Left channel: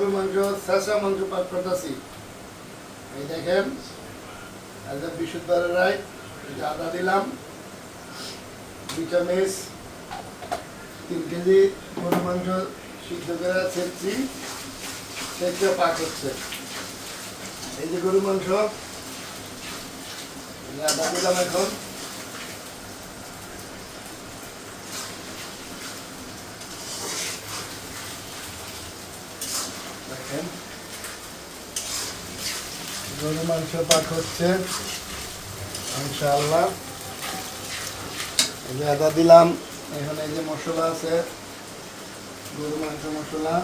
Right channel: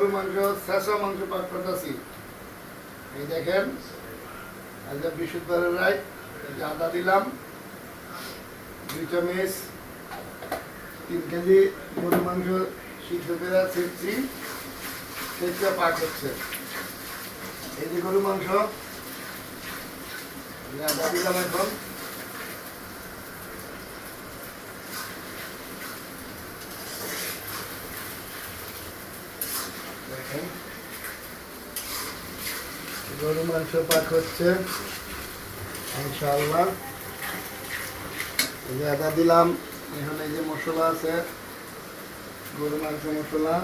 গরু মাংস শেষা মাংস পাক করতেছি। এই দেখেন একদম বিশুদ্ধবারের রায় আদা দিলাম, দুই চামচ, তিন কেজি গরু মাংস সিদ্ধ করে ছেড়ছি ছেড়ছে পাক হচ্ছে। এই যে গরু মাংস আদা দিলাম এখন। গরু মাংস পাক হচ্ছে। ইনশাআল্লাহ। এই যে আদা দিলাম, এখানে যে মশলা আছে গরু মাংস মশলা।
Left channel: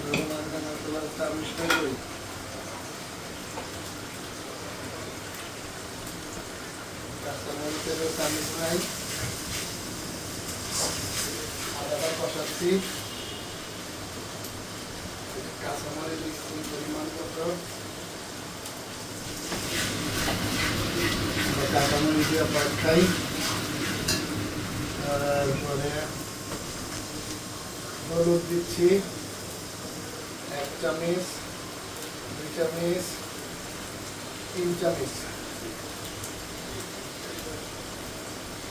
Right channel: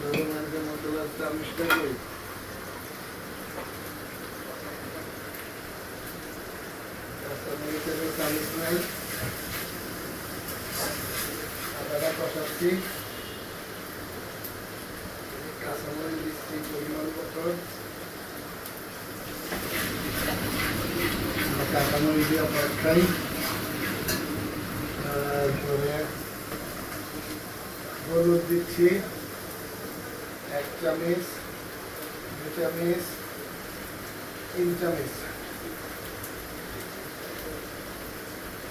গরু মাংস মশলা চামিচ করি চামিচ নাই আদাটা কষাচ্ছি কাঁচামরিচ দিচ্ছি পরিমাণ কত দিয়ে পাঠাই তারপরে হলুদ দিচ্ছি এক চামচ দুই চামচ তিন চামচ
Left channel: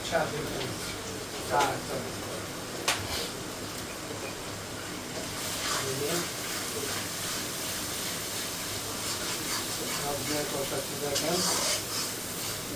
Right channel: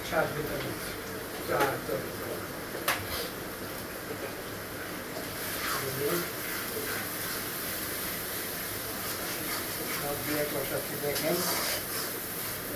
চার চামচ চার চামচ সব দিয়ে দেখেন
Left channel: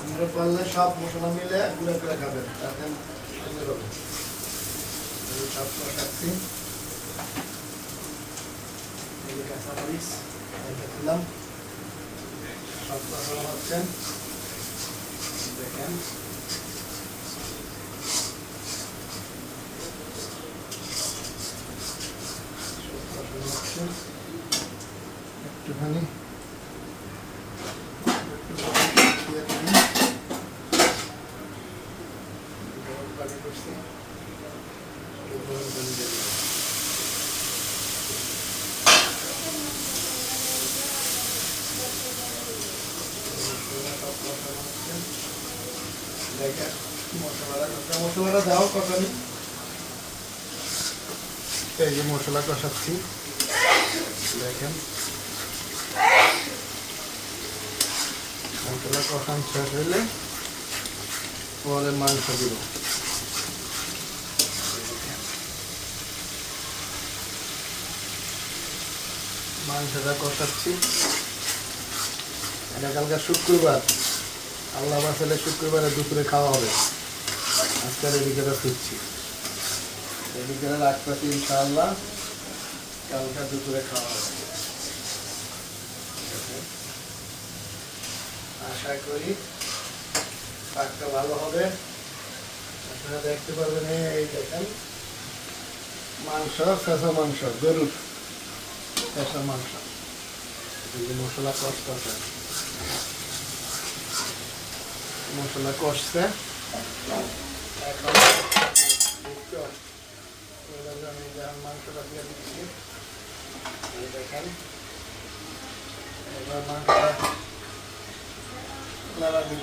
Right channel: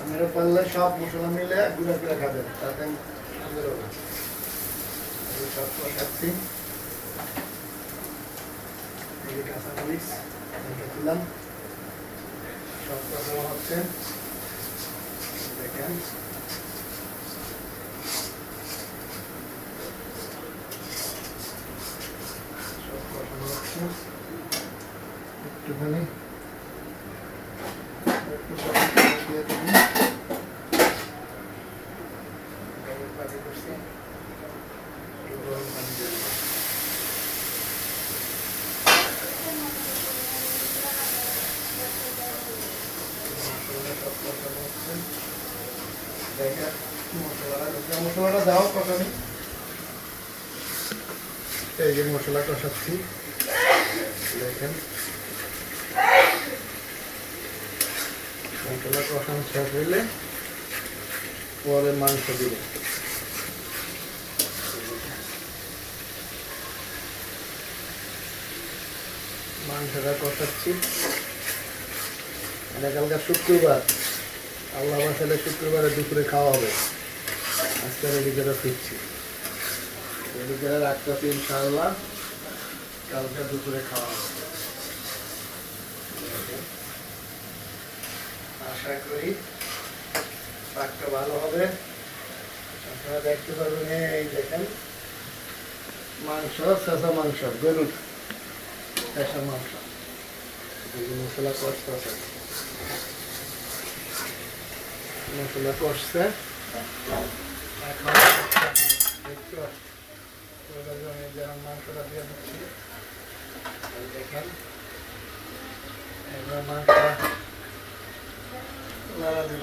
আপনারা পারলে সব মশলা মিলে গুঁড়া করে খাবেন, তাতে সুন্দর হবে। সব যে কাঁচামরিচ দিলাম। সব কষানো হচ্ছে। দেখেন। একটুখানি একটু পানি দিয়ে দিবি। গরম পানি করছি একটু গরম পানি দিয়ে দিবি। মশলা সব কষানো হচ্ছে। দেখেন মশলাটা দাও কষানি। এই যে মশলা কষাচ্ছি। দেখেন মশলা কষানো শেষ পরে মাংস দিব মাংসটা কষাচ্ছি। আমরা কালকে শুক্রবার, আল্লাহ মাসালে শুক্রবারে দুপুরে খাওয়া হবে। আজকে বিকেলে ফিরছি। বিকেলে রাখতে ইনশাআল্লাহ কালকে দুপুরে খাওয়া হবে। আশা করি শাকটা ভালো হবে। আপনারা দেখতে পারবেন, এই দেখেন, মাংস চেঁচা মাংস গরুর চেঁচা মাংস মশলা কষতে আছে মশলা কষছে মাংসটা দিয়ে দিচ্ছি দেখেন এবার মাংসটা নাড়া দিব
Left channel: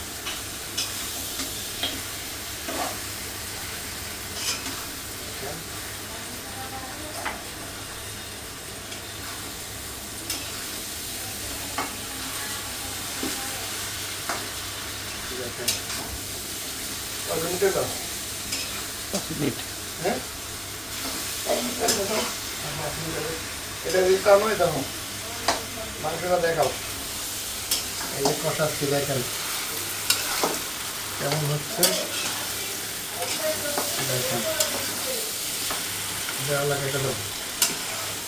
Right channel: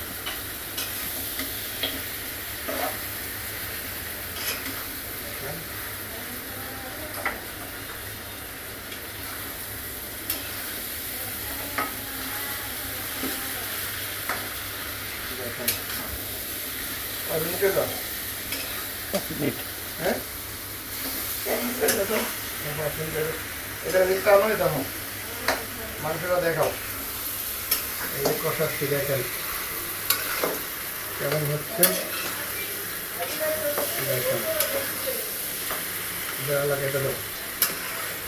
দাও হ্যাঁ। এটা দিতে মাংসটা দেখাও। এই কষাচ্ছি দেখেন কেমন হচ্ছে? দেখেন কেটে দেবো।